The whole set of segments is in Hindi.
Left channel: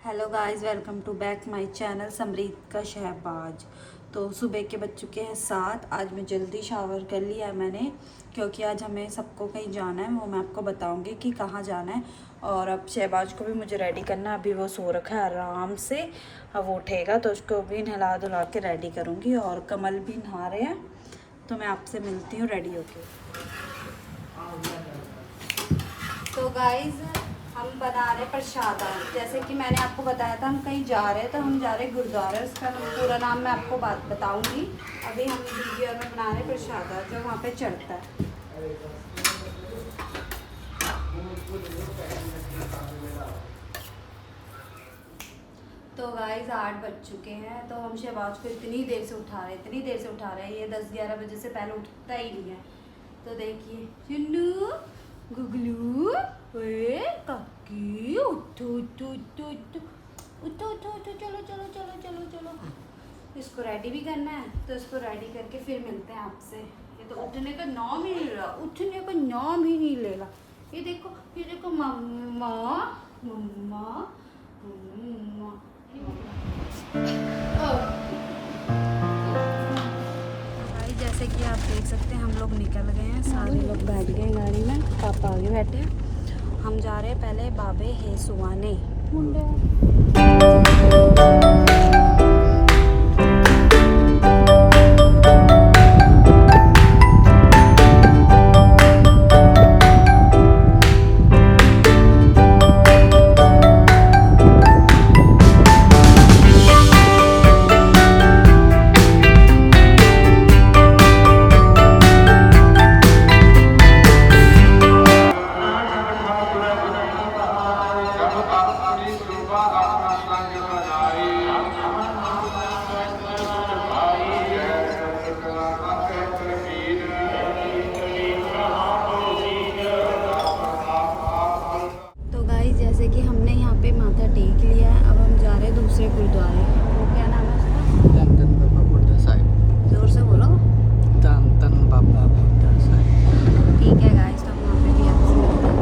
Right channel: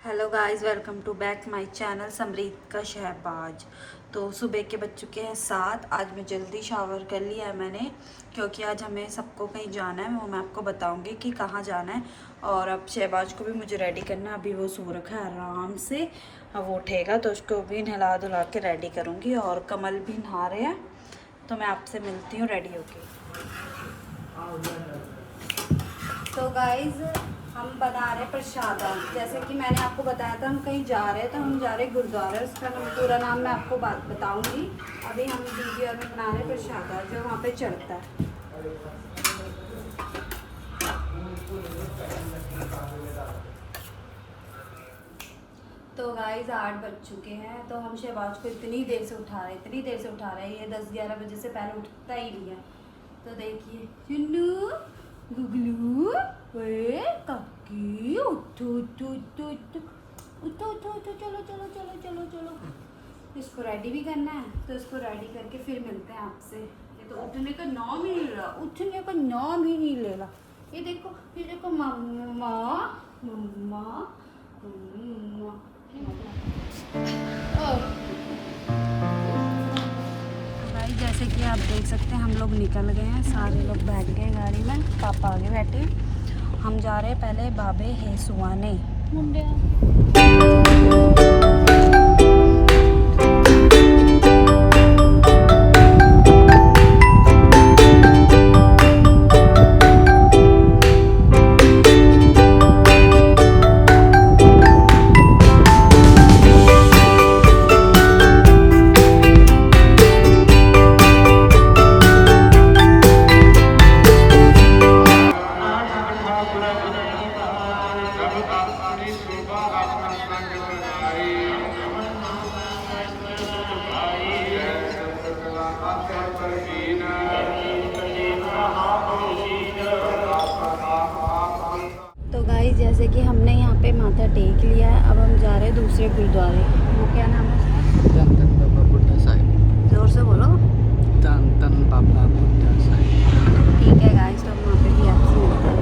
Hello guys, welcome to back my channel Samreet का शहबाज। तो सुबह के बज चुके हैं 7। आज मैं जल्दी शावर कर लिया है मैंने, क्योंकि आज हमें सबको कहीं जाना है। वो मैं आपको बताऊंगी कि कहाँ जाना है। और अब शहबाज को भी मुझे रेडी करना है। अभी वो सो रखा है आराम से। अब वो उठेगा तो उसको भी नहला धुला के रेडी करूँगी। और कमल भी नहा रहे हैं, तो मैं आपसे मिलती हूँ रेडी होके। तो गाइज हम बना रहे प्रसाद। जैसे कि मैंने आपको बताया था हम कहीं जा रहे हैं, तो हम जा रहे गुरुद्वारा। उसका पूरा नाम मैं आपको बताऊंगी। अभी हम वीडियो में बना रहे प्रसाद जो वहाँ पे चढ़ता है। तो गाइज 8 बज चुके हैं। तो हम शहबाज को इतनी देर से उठा रहे हैं, ये 10-11 बजे से पहले उठता ही नहीं है। तो देखिए चुन्नू गुगलू, ओए काकी, उठो उठो उठो उठो उठो उठो उठो, चलो चलो चलो चलो चलो। इसको रेडी भी करना है, तो इसको रेडी करके फिर मिलते हैं आपसे। ये तो उठने का नाम ही नहीं ले रहा, उठने का नाम ही नहीं ले रहा। ये देखो मम्मा मम्मा मम्मा। भाई जैसे कि आप देख सकते हैं हम लोग निकल गए हैं। सारे लोग बैठ गए गाड़ी में, पापा आगे बैठे हैं। हम जा रहे हैं पहले बाबे हेसुआने मुंडे। जैसे कि हमने यहाँ पे माथा टेक लिया है। अब हम जा रहे हैं दूसरे गुरुद्वारे। वो क्या नाम है उसका? धन धन बाबा बुड्ढा साहिब। जोर से बोलो। धन धन बाबा बुड्ढा साहिब। ठीक है गाइस, तो वहाँ पे भी आपसे मिलते हैं।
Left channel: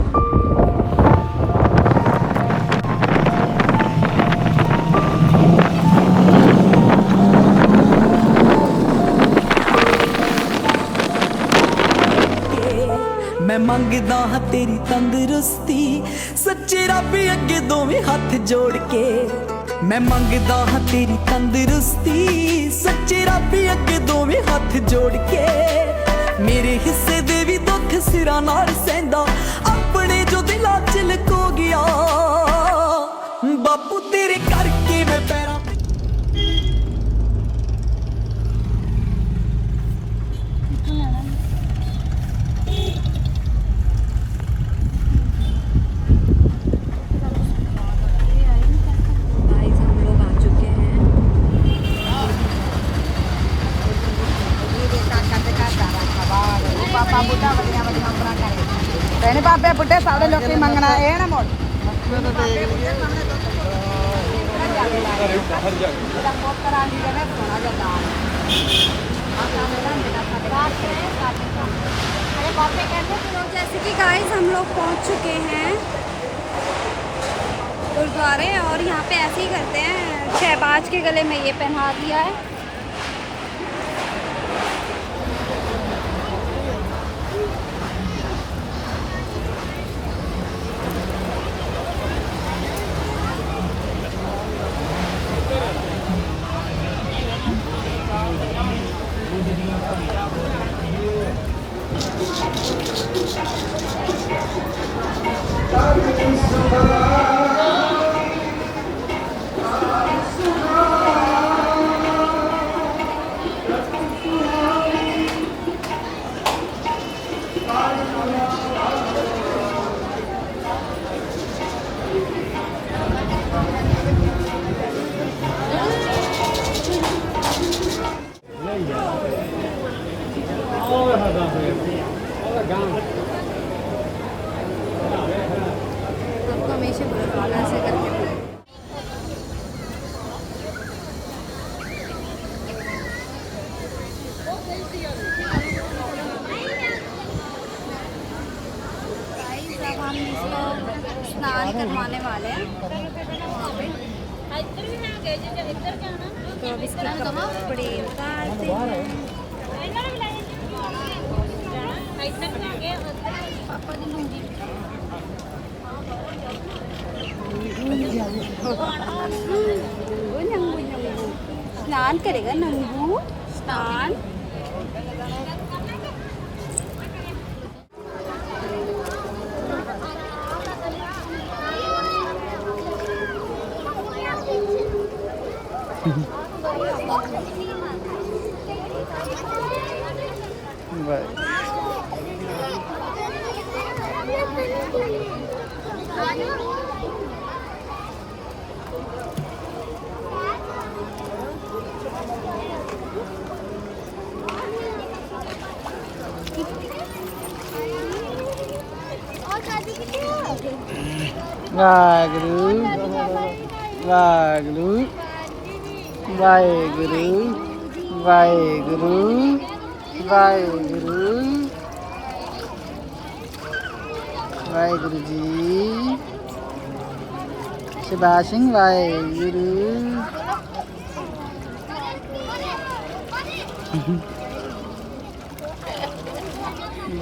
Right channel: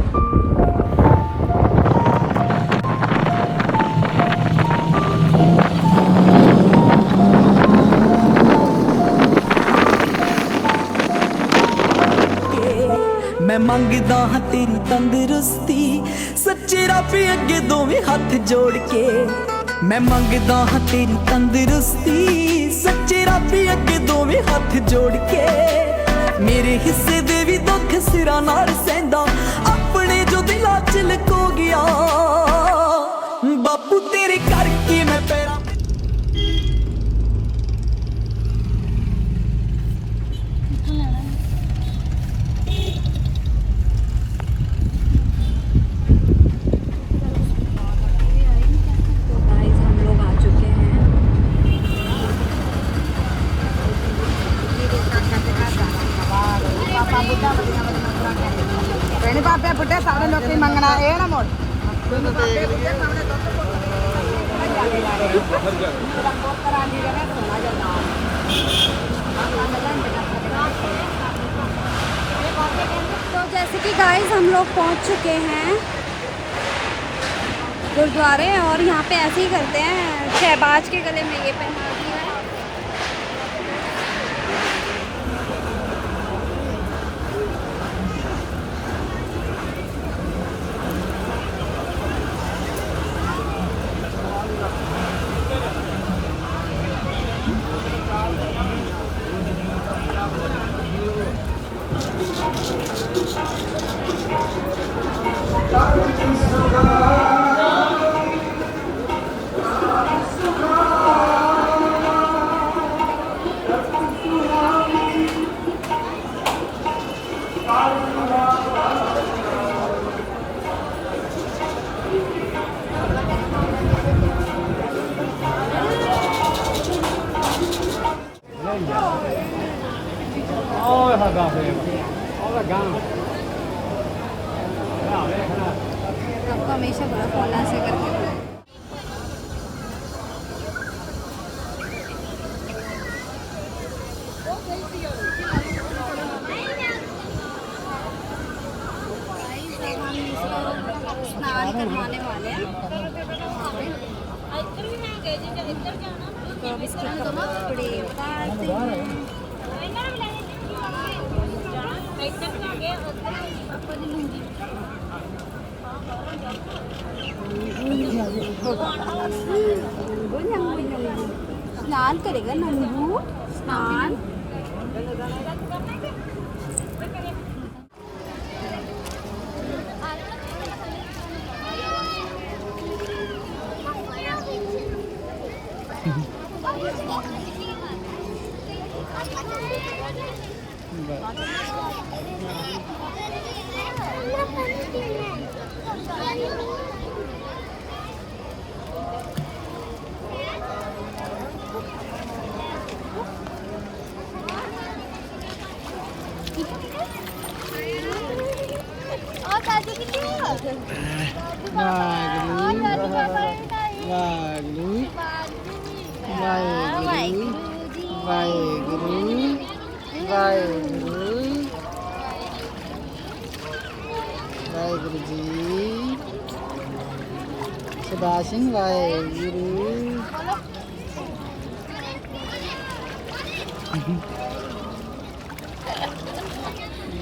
मैं मंगदा हाँ तेरी तंदुरुस्ती, सच्चे रब अगे दोवें हाथ जोड़ के। मैं मंगदा हाँ तेरी तंदुरुस्ती, सच्चे रब अगे दोवें हाथ जोड़ के। मेरे हिस्से दे भी दुख सिरा नाल सहंदा, अपने जो दिला च लको गया। बापू तेरे करके मैं पैरां बुड्ढे सारे लोग मंगना है ना मोड़। तो जैसे कि गाइस हम लोग पहुंच चुके हैं गुरुद्वारे। और यहाँ पे ऐसे ही करते हैं। शहबाज के गले में ये पहना दिया है। आपको हमेशा बोला ऐसे करके। हम इसको स्नान करवाने वाले हैं वहाँ पे। तो अब इसके कपड़े उतारते हैं। स्नान करेगा नंगू, स्नान। वागरू वागरू वागरू वागरू वागरू वागुरु जी सुभाष सिंह वागुरु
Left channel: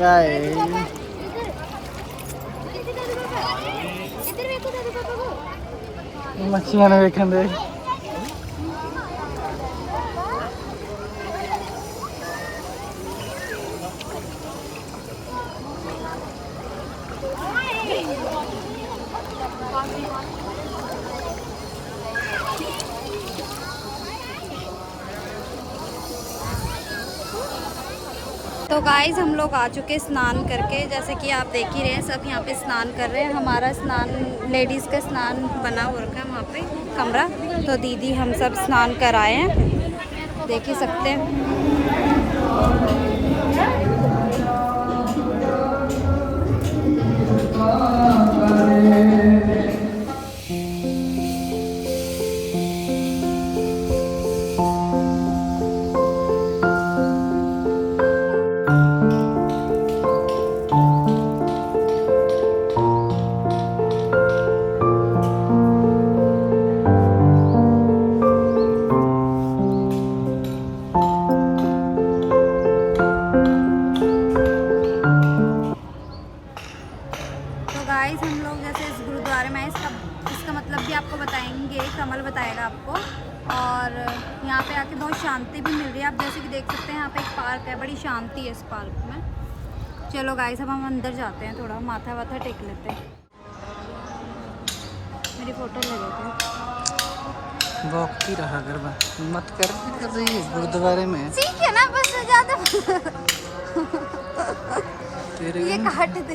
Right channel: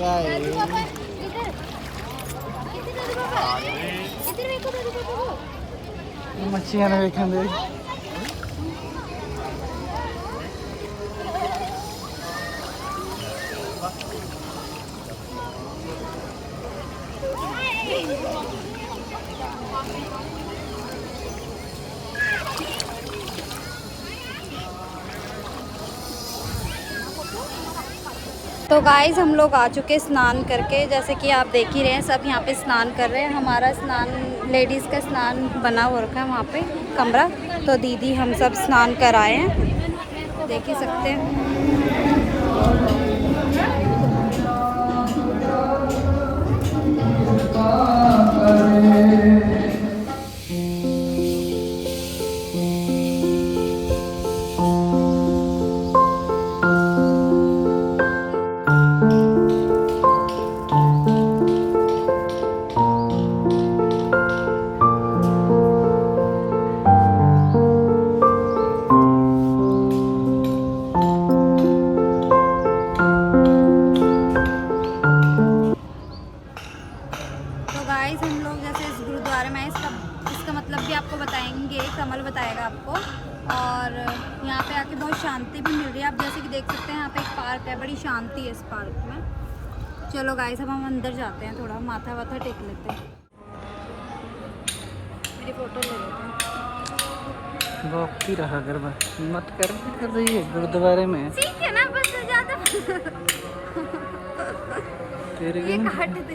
वागुरु मच्छियां वेखन दे। तो गाइस हम लोग आ चुके स्नान करके, जैसे कि आप देख ही रहे हैं सब यहाँ पे स्नान कर रहे हैं। हमारा स्नान लेडीज़ का स्नान बना हो रखा है वहाँ पे कमरा। तो दीदी हम सब स्नान कर आए हैं, देख ही सकते हैं। गाइस हम लोग जैसे इस गुरुद्वारे में इसका मतलब भी आपको बताएंगे, कमल बताएगा आपको। और यहाँ पे आके बहुत शांति भी मिल रही है। आप जैसे कि देख सकते हैं यहाँ पे एक पार्क है, बड़ी शांति है इस पार्क में। चलो गाइस अब हम अंदर जाते हैं, थोड़ा माथा वाथा टेक लेते हैं। मेरी फोटो ले लेते हैं। भोगती रहा कर मत कर रही है गुरुद्वारे में। ठीक है ना, बस ज़्यादा तेरे ये काट दे।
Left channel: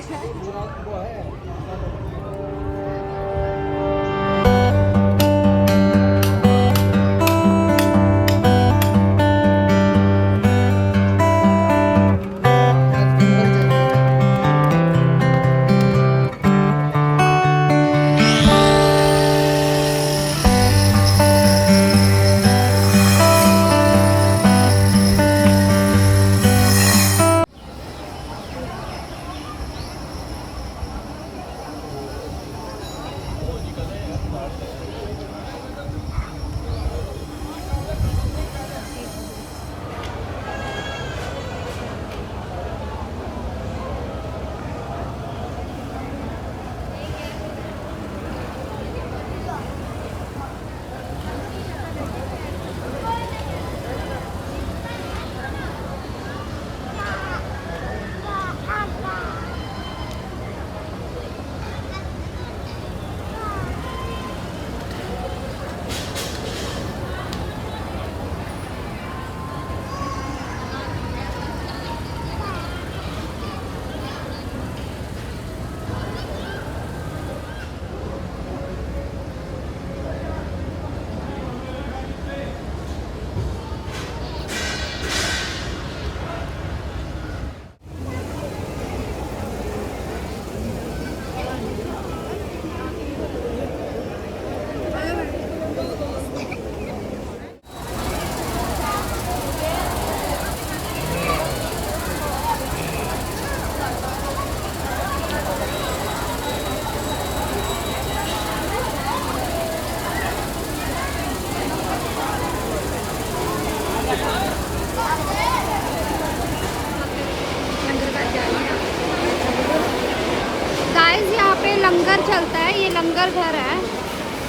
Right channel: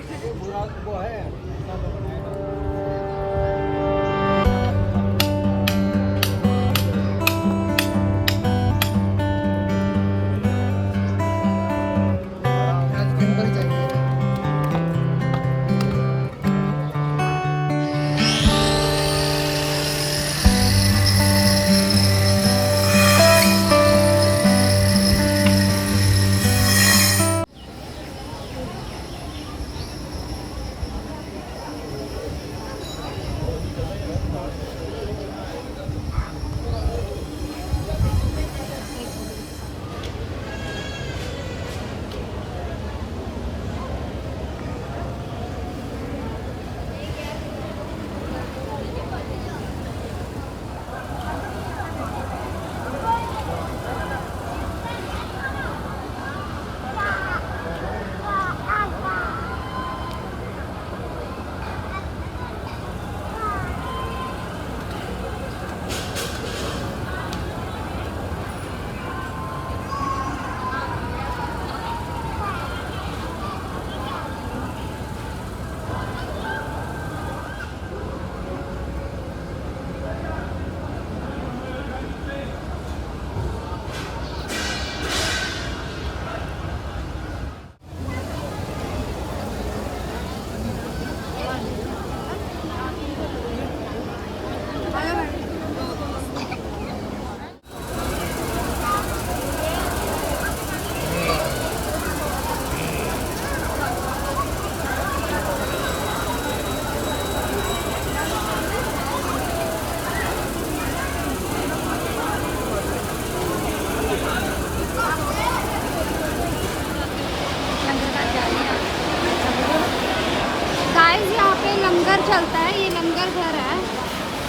लंगर चलता है, ये लंगर घर है।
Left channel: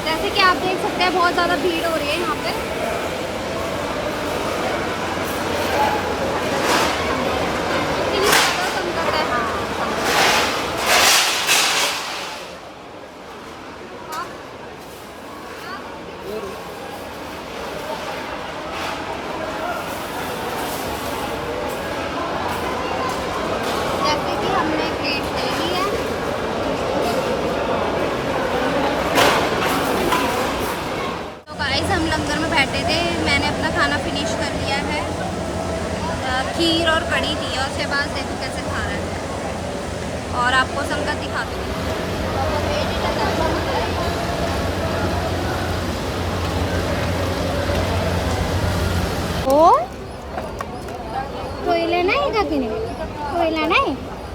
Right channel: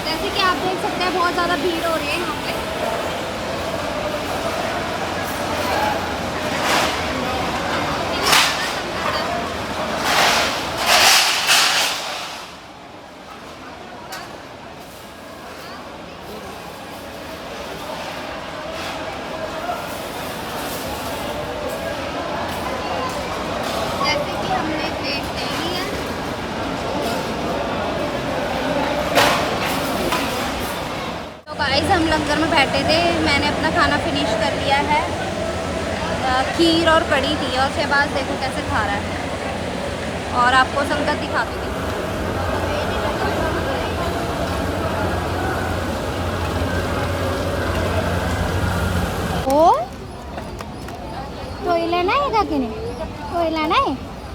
जैसे कि आप देख सकते हैं बहुत ज़्यादा भीड़ हो रही है यहाँ पे। जैसे कि हमने प्लेट ले ली है। तो गाइस हम लंगर में बैठे थे, मैंने अपना खाना फिनिश कर लिया है। खीर और कड़ी थी और शहबाज देखो कैसे खा रहा है। और आपको संगत दिखाती थी। ओ कोई लेना है क्या, कोई लेना है,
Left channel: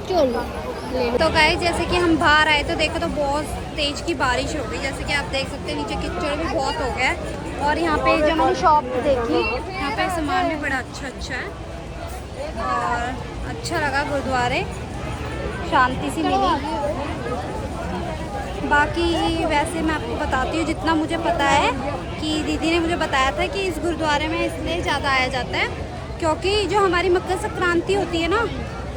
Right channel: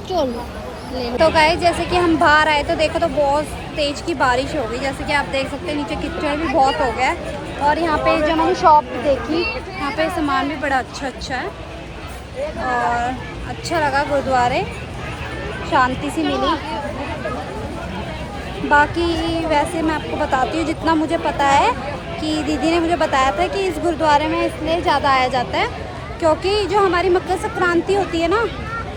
चलो। तो गाइस जैसे कि हम बाहर आए तो देखो तो बहुत तेज की बारिश हो गई। जैसे कि आप देख सकते हैं नीचे कीचड़ भी बहुत हो गया है। और यहाँ पे जो मैंने शॉप देखी, यहाँ पे सामान भी बड़ा अच्छा है और अच्छा लगा। गुरुद्वारे शांति सी मिली। बाकी वैसे मैं आपको बताती हूँ जितना मुझे पता है कि दीदी ने मुझे बताया था कि इस गुरुद्वारे में इसलिए ज़्यादा आया जाता है क्योंकि जो हमारी मकर संक्रांति होती है ना,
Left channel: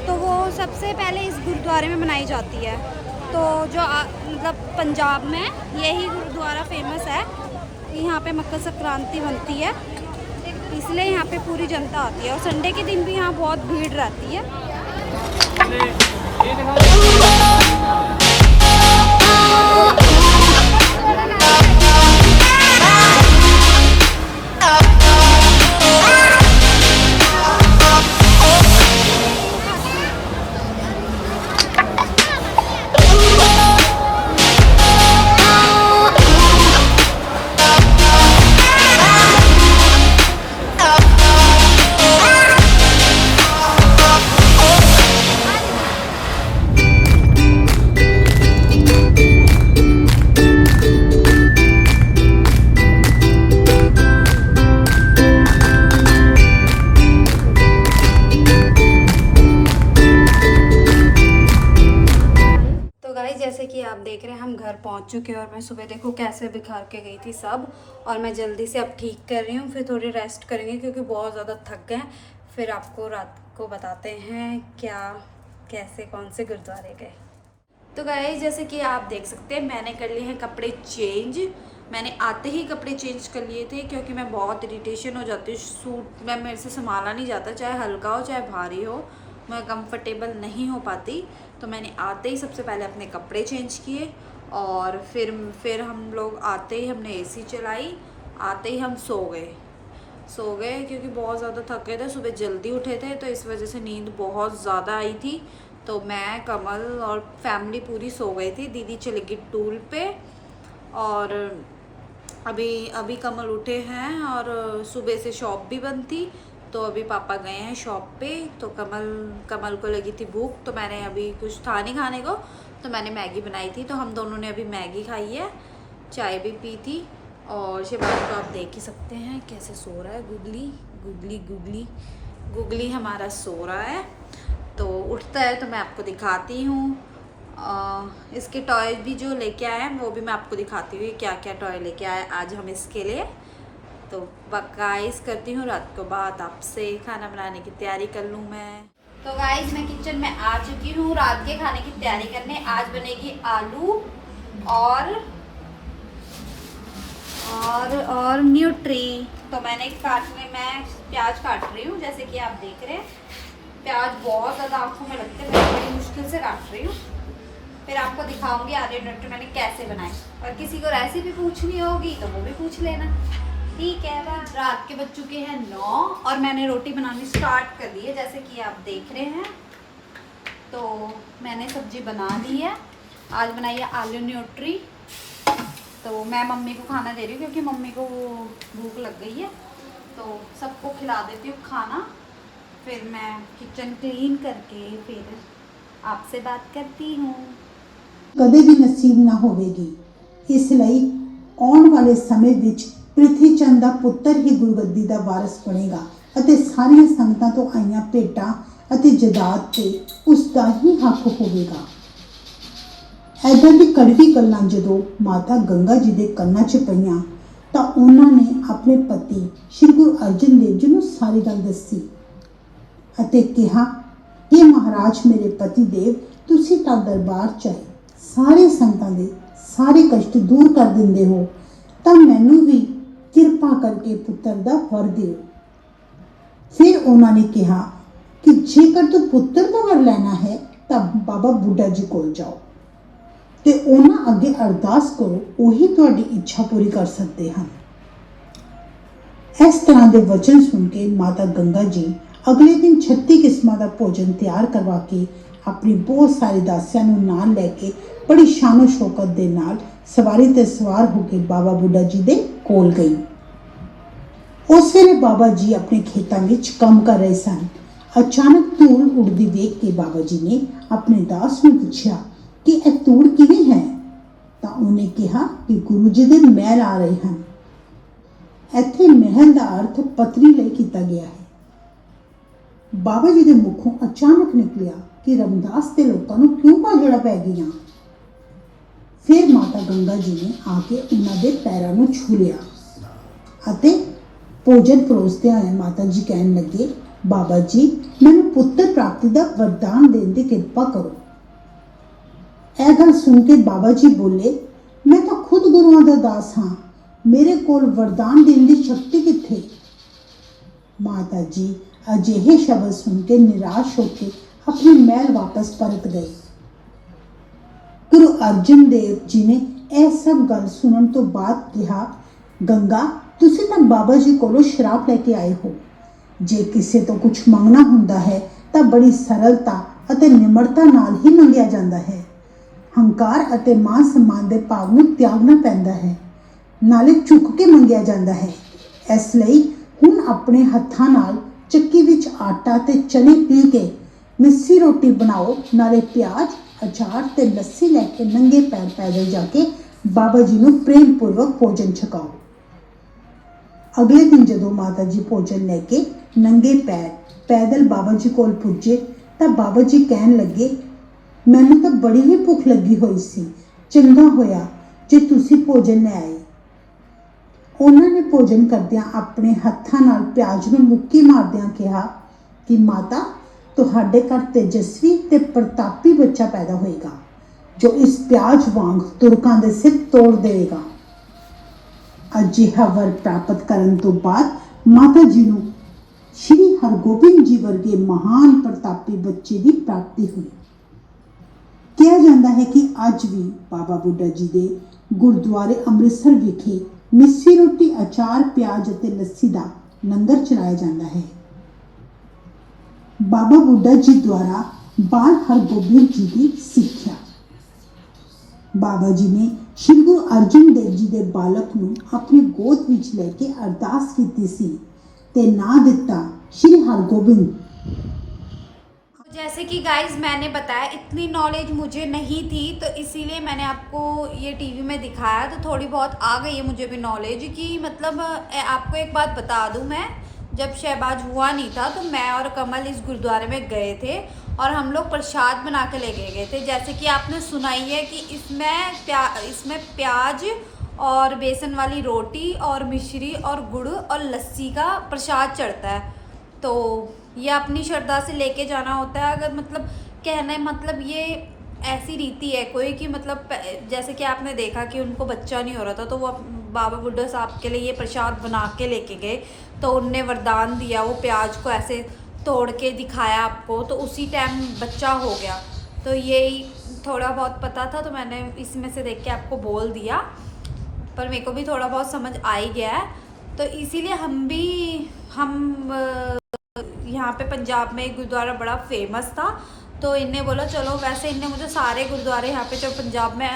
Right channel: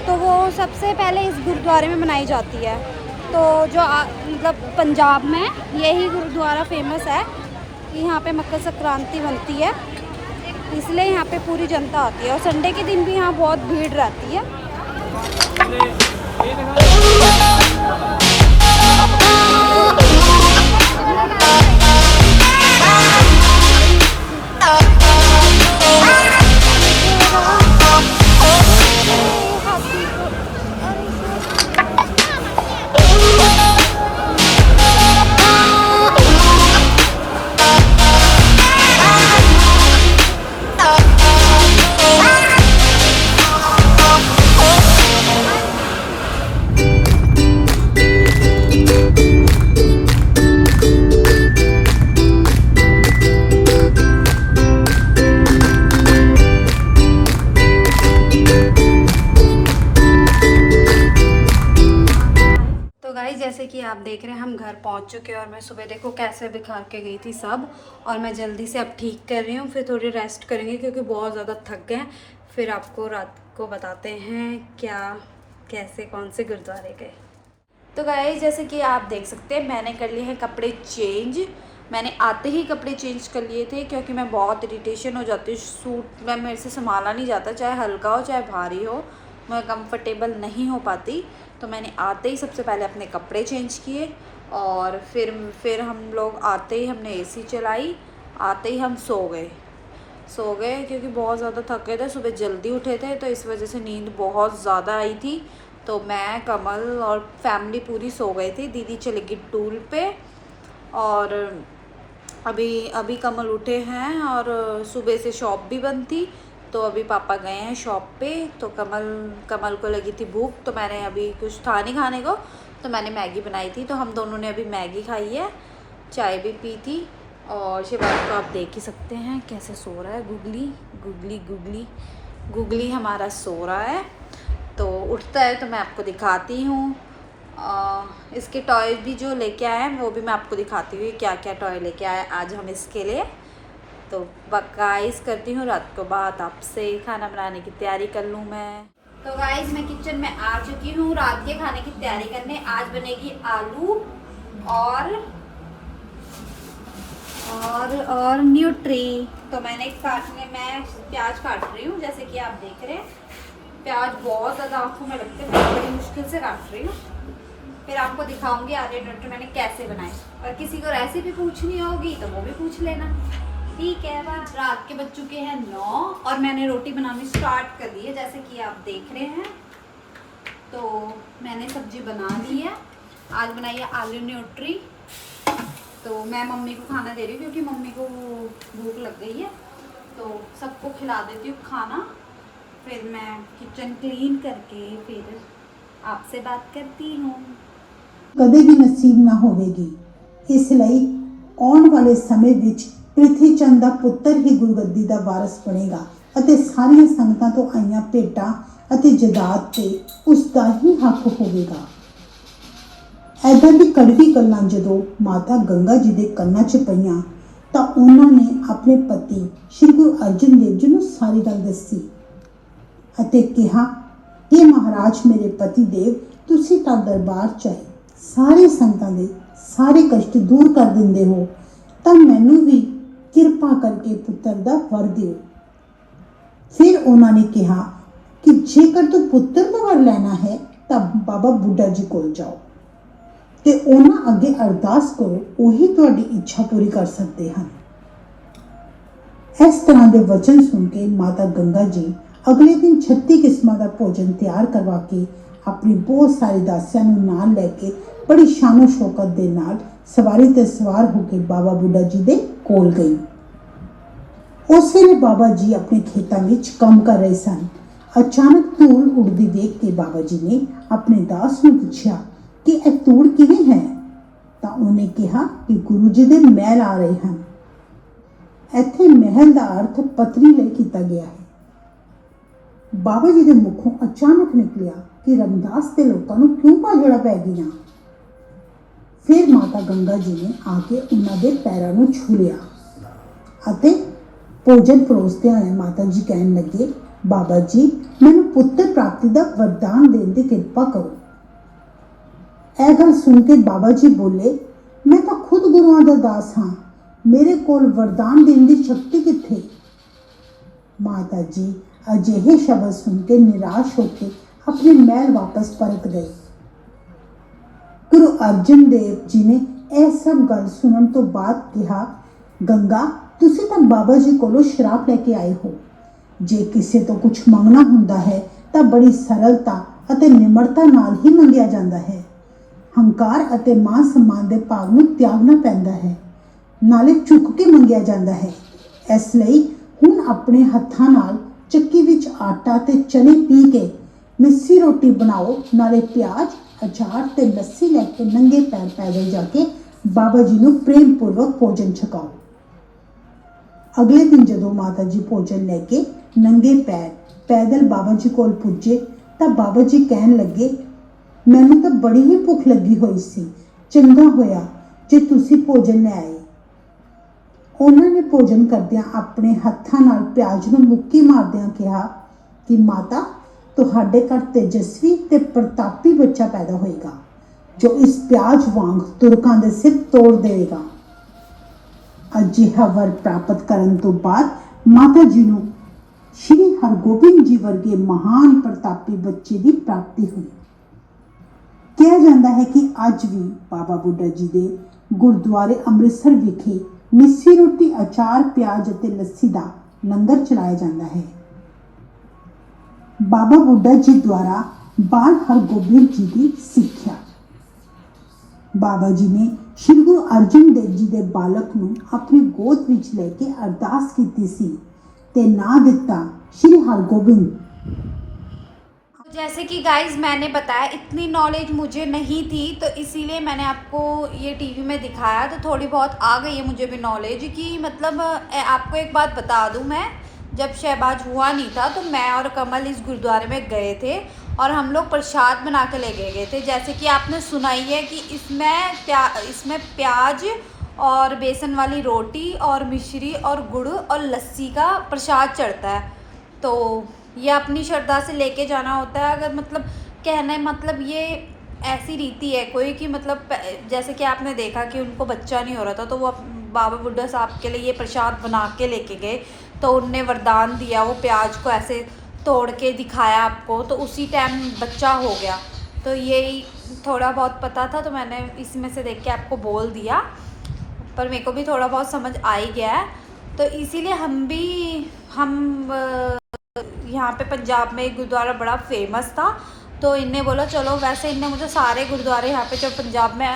तो वो सबसे पहले इस गुरुद्वारे में मनाई जाती है। तो जो मतलब पंजाब में यही गुरुद्वारा फेमस है। यहाँ पे मकर संक्रांति बनती है, इसलिए यहाँ पे पूरी जनता आती है। और संडे के दिन भी यहाँ बहुत भीड़ रहती है। जैसे कि आप देख रहे हैं हम घर पहुंच चुके हैं और मैं सुबह देखो कैसे बिखार के गई थी सब। और मैं जल्दी से अब ठीक कर रही हूँ, फिर थोड़ी रेस्ट करेंगे क्योंकि बहुत ज़्यादा थक गए। फिर आपको रात को बताते हैं क्या कैसे कौन से गुरुद्वारे गए। तो गाइस जैसे कि आप देख सकते हैं मैंने कर लिए हैं कपड़े चेंज। मैंने आते ही कपड़े चेंज कर लिए थे क्योंकि मैं बहुत इरिटेशन हो जाती हूँ। सूट में मेरे से संभाला नहीं जाता, चाहे हल्का हो चाहे भारी हो, मैं कंफर्टेबल नहीं हो पाती। तो मैंने आते ही सबसे पहले अपने कपड़े चेंज किए और फिर हम लोग आते ही हमने एसी चलाई, आते ही हम सो गए क्योंकि बहुत ज़्यादा थक गए थे। सुबह जल्दी उठे थे तो इस वजह से नींद बहुत ज़्यादा आई थी। तो मैं, कमल और फैमिली पूरी सो गई थी। दीदी चली गई टूल पे और अभी कमल उठे हैं और सुबह से शॉप भी बंद थी। तो अभी पापा गए हैं शॉप पे। तो कमल को लगी थी भूख, तो मैंने अभी कुछ था नहीं खाने को तो मैंने मैगी बनाई थी। तो हम दोनों ने अभी मैगी खाई है, चाय भी पी थी। और शिवानी को आप देख ही सकते हैं कैसे सो रहा है। गुगली हमारा सो रहा है। तो उठता है तो मैं आपको दिखाती हूँ। इसके टॉय भी जो लेके आए हैं वो भी मैं आपको दिखाती हूँ क्या क्या टॉय लेके आए आज हम इसके लिए। तो गाइस करती हूँ रात को बात आपसे, खाना बनाने की तैयारी कर लूँ मैं। तो गाइस मैं किचन में आ चुकी हूँ रात के खाने की तैयारी करने। आज बनेगी आलू और न्यूट्री। तो मैं प्याज काट रही हूँ जैसे कि आप देख रहे हैं। प्याज बहुत ज़्यादा आंखों में लगते हैं, मैं बड़ी मुश्किल से काट रही हूँ। फिर आपको दिखाऊंगी आलू न्यूट्री मैंने कैसे बनाए। और किसी को रेसिपी पूछनी होगी तो वो भी पूछ लेना, ठीक है। रात के बज चुके हैं 9 और मैंने रोटी बनानी स्टार्ट कर दी है जैसे कि आप देख रहे हैं। तो मैंने सब्जी बना ली है। आज बनाई है आलू न्यूट्री। तो मैं मम्मी को खाना दे रही हूँ क्योंकि मम्मी को भूख लग गई है। तो सबको खिला देती हूँ खाना, फिर मैं किचन क्लीन करके फिर आपसे बात करती हूँ। कदे भी नसीब ना होवेगी, इसलिए आने वाले समय विच ਪ੍ਰਿਥੀ ਚੰਦ ਦਾ ਪੁੱਤਰ ਹੀ ਗੁਰਗੱਦੀ ਦਾ ਵਾਰਸ ਬਣੇਗਾ ਅਤੇ ਸਾਰੀਆਂ ਸੰਗਤਾਂ ਤੋਂ ਆਈਆਂ ਭੇਟਾਂ ਅਤੇ ਜਦਾਦ ਤੇ ਉਸ ਦਾ ਹੀ ਹੱਕ ਹੋਵੇਗਾ। ਐਦਾਂ ਦੀ ਕੜਵੀ ਗੱਲਾਂ ਜਦੋਂ ਮਾਤਾ ਗੰਗਾ ਜੀ ਦੇ ਕੰਨਾਂ 'ਚ ਪਈਆਂ ਤਾਂ ਉਹਨਾਂ ਨੇ ਆਪਣੇ ਪਤੀ ਸ਼੍ਰੀ ਗੁਰੂ ਅਰਜਨ ਦੇਵ ਜੀ ਨੂੰ ਸਾਰੀ ਗੱਲ ਦੱਸੀ ਅਤੇ ਕਿਹਾ ਕਿ ਮਹਾਰਾਜ ਮੇਰੇ ਪਤੀ ਦੇਵ, ਤੁਸੀਂ ਤਾਂ ਦਰਬਾਰ 'ਚ ਆਏ ਸਾਰੇ ਸੰਗਤਾਂ ਦੇ ਸਾਰੇ ਕਸ਼ਟ ਦੂਰ ਕਰ ਦਿੰਦੇ ਹੋ, ਤਾਂ ਮੈਨੂੰ ਵੀ ਕਿਰਪਾ ਕਰਕੇ ਪੁੱਤਰ ਦਾ ਵਰ ਦਿਓ। ਫਿਰ ਉਹਨਾਂ ਨੇ ਕਿਹਾ ਕਿ ਜੇਕਰ ਤੂੰ ਪੁੱਤਰ ਦਾ ਵਰ ਲੈਣਾ ਹੈ ਤਾਂ ਬਾਬਾ ਬੁੱਢਾ ਜੀ ਕੋਲ ਜਾਓ ਤੇ ਉਹਨਾਂ ਅੱਗੇ ਅਰਦਾਸ ਕਰੋ, ਉਹੀ ਤੁਹਾਡੀ ਇੱਛਾ ਪੂਰੀ ਕਰ ਸਕਦੇ ਹਨ। ਇਸ ਤਰ੍ਹਾਂ ਦੇ ਵਚਨ ਸੁਣ ਕੇ ਮਾਤਾ ਗੰਗਾ ਜੀ ਅਗਲੇ ਦਿਨ 36 ਕਿਸਮਾਂ ਦਾ ਭੋਜਨ ਤਿਆਰ ਕਰਵਾ ਕੇ ਆਪਣੀ ਬਹੁਤ ਸਾਰੇ ਦਾਸੀਆਂ ਨੂੰ ਨਾਲ ਲੈ ਕੇ ਬੜੀ ਸ਼ਾਨੋ ਸ਼ੌਕਤ ਦੇ ਨਾਲ ਸਵਾਰੀ ਤੇ ਸਵਾਰ ਹੋ ਕੇ ਬਾਬਾ ਬੁੱਢਾ ਜੀ ਦੇ ਕੋਲ ਗਈ। ਉਸ ਵੇਲੇ ਬਾਬਾ ਜੀ ਆਪਣੇ ਖੇਤਾਂ ਵਿੱਚ ਕੰਮ ਕਰ ਰਹੇ ਸਨ। ਅਚਾਨਕ ਧੂੜ ਉੱਡਦੀ ਵੇਖ ਕੇ ਬਾਬਾ ਜੀ ਨੇ ਆਪਣੇ ਦਾਸ ਨੂੰ ਪੁੱਛਿਆ ਕਿ ਇਹ ਧੂੜ ਕਿਵੇਂ ਹੈ? ਤਾਂ ਉਹਨੇ ਕਿਹਾ ਕਿ ਗੁਰੂ ਜੀ ਦੇ ਮਹਿਲ ਆ ਰਹੇ ਹਨ। ਇੱਥੇ ਮਹਿਲ ਦਾ ਅਰਥ ਪਤਰੀ ਲਈ ਕੀਤਾ ਗਿਆ ਹੈ। ਬਾਬਾ ਜੀ ਦੇ ਮੁਖੋਂ ਅਚਾਨਕ ਨਿਕਲਿਆ ਕਿ ਰਮਦਾਸ ਦੇ ਲੋਕਾਂ ਨੂੰ ਕਿਉਂ ਭਾਜੜਾ ਪੈ ਗਈਆਂ। ਫਿਰ ਮਾਤਾ ਗੰਗਾ ਜੀ ਨੇ ਆ ਕੇ ਉਹਨਾਂ ਦੇ ਪੈਰਾਂ ਨੂੰ ਛੂ ਲਿਆ ਅਤੇ ਭੋਜਨ ਪਰੋਸਦੇ ਹੋਏ ਮਾਤਾ ਜੀ ਕਹਿਣ ਲੱਗੇ, ਬਾਬਾ ਜੀ ਮੈਨੂੰ ਪੁੱਤਰ ਪ੍ਰਾਪਤੀ ਦਾ ਵਰਦਾਨ ਦੇਣ ਦੀ ਕਿਰਪਾ ਕਰੋ। ਇਹ ਗੱਲ ਸੁਣ ਕੇ ਬਾਬਾ ਜੀ ਬੋਲੇ, ਮੈਂ ਤਾਂ ਖੁਦ ਗੁਰੂਆਂ ਦਾ ਦਾਸ ਹਾਂ, ਮੇਰੇ ਕੋਲ ਵਰਦਾਨ ਦੇਣ ਦੀ ਸ਼ਕਤੀ ਕਿੱਥੇ? ਮਾਤਾ ਜੀ ਅਜਿਹੇ ਸ਼ਬਦ ਸੁਣ ਕੇ ਨਿਰਾਸ਼ ਹੋ ਕੇ ਆਪਣੇ ਮਹਿਲ ਵਾਪਸ ਪਰਤ ਗਏ। ਗੁਰੂ ਅਰਜਨ ਦੇਵ ਜੀ ਨੇ ਇਹ ਸਭ ਗੱਲ ਸੁਣਨ ਤੋਂ ਬਾਅਦ ਕਿਹਾ, ਗੰਗਾ ਤੁਸੀਂ ਤਾਂ ਬਾਬਾ ਜੀ ਕੋਲੋਂ ਸ਼ਰਾਪ ਲੈ ਕੇ ਆਏ ਹੋ। ਜੇ ਕਿਸੇ ਤੋਂ ਕੁਝ ਮੰਗਣਾ ਹੁੰਦਾ ਹੈ ਤਾਂ ਬੜੀ ਸਰਲਤਾ ਅਤੇ ਨਿਮਰਤਾ ਨਾਲ ਹੀ ਮੰਗਿਆ ਜਾਂਦਾ ਹੈ। ਹੰਕਾਰ ਅਤੇ ਮਾਨ ਸਨਮਾਨ ਦੇ ਭਾਵ ਨੂੰ ਤਿਆਗਣਾ ਪੈਂਦਾ ਹੈ, ਨਾਲੇ ਝੁਕ ਕੇ ਮੰਗਿਆ ਜਾਂਦਾ ਹੈ। ਇਸ ਲਈ ਹੁਣ ਆਪਣੇ ਹੱਥਾਂ ਨਾਲ ਚੱਕੀ ਵਿੱਚ ਆਟਾ ਤੇ ਚਨੇ ਪੀ ਕੇ ਮਿੱਸੀ ਰੋਟੀ ਬਣਾਓ, ਨਾਲੇ ਪਿਆਜ਼, ਅਚਾਰ ਤੇ ਲੱਸੀ ਲੈ ਕੇ ਨੰਗੇ ਪੈਰ ਪੈਦਲ ਜਾ ਕੇ ਬਾਬਾ ਜੀ ਨੂੰ ਪ੍ਰੇਮ ਪੂਰਵਕ ਭੋਜਨ ਛਕਾਓ। ਅਗਲੇ ਦਿਨ ਜਦੋਂ ਮਾਤਾ ਜੀ ਭੋਜਨ ਲੈ ਕੇ ਨੰਗੇ ਪੈਰ ਪੈਦਲ ਬਾਬਾ ਜੀ ਕੋਲ ਪੁੱਜੇ ਤਾਂ ਬਾਬਾ ਜੀ ਕਹਿਣ ਲੱਗੇ, ਮੈਨੂੰ ਤਾਂ ਬੜੀ ਹੀ ਭੁੱਖ ਲੱਗੀ ਹੋਈ ਸੀ, ਚੰਗਾ ਹੋਇਆ ਜੇ ਤੁਸੀਂ ਭੋਜਨ ਲੈ ਆਏ। ਉਹਨਾਂ ਨੇ ਭੋਜਨ ਕਰਦਿਆਂ ਆਪਣੇ ਹੱਥਾਂ ਨਾਲ ਪਿਆਜ਼ ਨੂੰ ਮੁੱਕੀ ਮਾਰਦਿਆਂ ਕਿਹਾ ਕਿ ਮਾਤਾ ਤੁਹਾਡੇ ਘਰ ਤੇਜਸਵੀ ਤੇ ਪ੍ਰਤਾਪੀ ਬੱਚਾ ਪੈਦਾ ਹੋਏਗਾ, ਜੋ ਇਸ ਪਿਆਜ਼ ਵਾਂਗ ਤੁਰਕਾਂ ਦੇ ਸਿਰ ਤੋੜ ਦੇਵੇਗਾ। ਅਜਿਹਾ ਵਰ ਪ੍ਰਾਪਤ ਕਰਨ ਤੋਂ ਬਾਅਦ ਮਾਤਾ ਜੀ ਨੂੰ ਸ਼੍ਰੀ ਹਰਗੋਬਿੰਦ ਜੀ ਵਰਗੇ ਮਹਾਨ ਪ੍ਰਤਾਪੀ ਬੱਚੇ ਦੀ ਪ੍ਰਾਪਤੀ ਹੋਈ। ਕਿਹਾ ਜਾਂਦਾ ਹੈ ਕਿ ਅੱਜ ਵੀ ਬਾਬਾ ਬੁੱਢਾ ਜੀ ਦੇ ਗੁਰਦੁਆਰੇ ਅੰਮ੍ਰਿਤਸਰ ਵਿਖੇ ਮਿੱਸੀ ਰੋਟੀ, ਅਚਾਰ, ਪਿਆਜ਼ ਅਤੇ ਲੱਸੀ ਦਾ ਲੰਗਰ ਚਲਾਇਆ ਜਾਂਦਾ ਹੈ। ਬਾਬਾ ਬੁੱਢਾ ਜੀ ਦੁਆਰਾ ਬਾਲ ਹਰਗੋਬਿੰਦ ਜੀ ਦੀ ਸਿੱਖਿਆ। ਬਾਬਾ ਜੀ ਨੇ ਸ਼੍ਰੀ ਗੁਰੂ ਅਰਜਨ ਦੇਵ ਜੀ ਦੇ ਬਾਲਕ ਨੂੰ ਆਪਣੀ ਗੋਦ ਵਿੱਚ ਲੈ ਕੇ ਅਰਦਾਸ ਕੀਤੀ ਸੀ ਤੇ ਨਾਂ ਦਿੱਤਾ श्री हरगोबिंद। जैसे कि गाइज मैंने बताया, इतनी नॉलेज मुझे नहीं थी तो इसीलिए मैंने आपको ये टीवी में दिखाया, तो थोड़ी बहुत आ गई है मुझे भी नॉलेज कि मतलब आपको एक बात बता दूं, मैं जब शहबाज हुआ नहीं था तो मैं और कमल इस गुरुद्वारे में गए थे और हम लोग प्रसाद बना के ले गए थे। जैसे कि आपने सुनाई है कि इसमें प्याज और बेसन वाली रोटी और मिश्री और गुड़ और लस्सी का प्रसाद चढ़ता है। तो ये अपनी श्रद्धा से लेके जाना होता है। अगर मतलब कहना है मतलब ये ऐसी रीति है कोई कि मतलब जैसे कि आपने देखा कि उनको बच्चा नहीं हो रहा था तो वो बाबा बुड्ढा साहब के लिए ये प्रसाद बना के लेके गए, तो उनने वरदान दिया, वो प्याज को ऐसे तोड़ के दिखाया आपको, तो उसी टाइम बच्चा हो गया। तो यही थोड़ा बहुत पता था तो मैंने इसमें से देख के आपको बोल दिया, पर मेरे को भी थोड़ा बहुत समझ आ ही गया है। तो इसीलिए हम यहाँ पे पंजाब में एक गुरुद्वारा बड़ा फेमस था, तो इनने बोला चलो, वैसे इनने मुझे सारे गुरुद्वारे यहाँ पे जो पंजाब में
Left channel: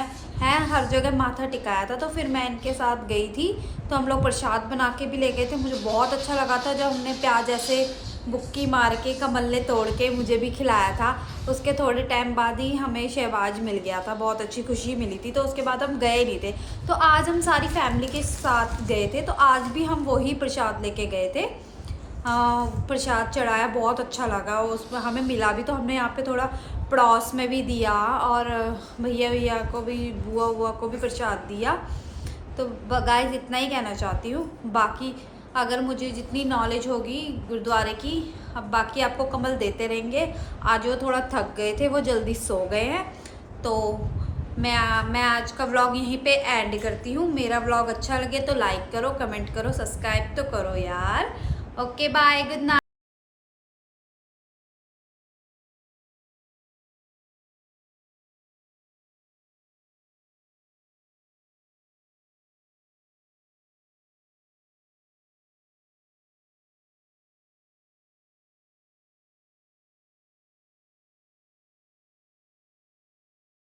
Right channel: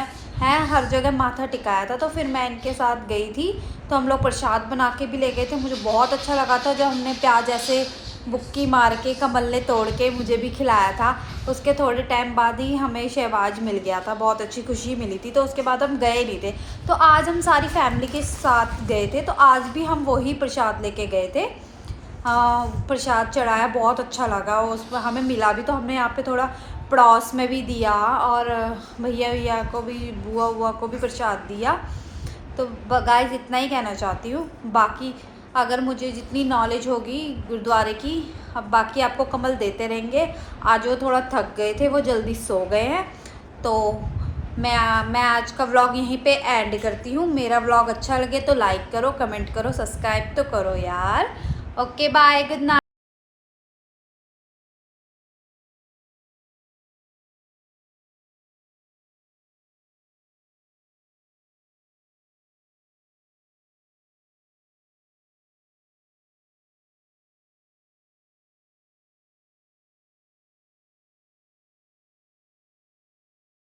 हैं हर जगह माथा टिकाया था, तो फिर मैं इनके साथ गई थी। तो हम लोग प्रसाद बना के भी ले गए थे। मुझे बहुत अच्छा लगा था जब हमने प्याज ऐसे बुक्की मार के कमल ने तोड़ के मुझे भी खिलाया था। उसके थोड़े टाइम बाद ही हमें शहबाज मिल गया था, बहुत अच्छी खुशी मिली थी। तो उसके बाद हम गए नहीं थे, तो आज हम सारी फैमिली के साथ गए थे, तो आज भी हम वही प्रसाद लेके गए थे। प्रसाद चढ़ाया, बहुत अच्छा लगा, उसमें हमें मिला भी। तो हमने यहाँ पे थोड़ा पड़ोस में भी दिया और भैया को भी, बुआ को भी प्रसाद दिया। तो गाइस इतना ही कहना चाहती हूँ। बाकी अगर मुझे जितनी नॉलेज होगी गुरुद्वारे की, अब बाकी आपको कमल देते रहेंगे। आज वो थोड़ा थक गए थे, वो जल्दी सो गए हैं। तो मैं आज का व्लॉग यहीं पे एंड करती हूँ। मेरा व्लॉग अच्छा लगे तो लाइक करो, कमेंट करो, सब्सक्राइब तो करो यार। Okay bye, good night.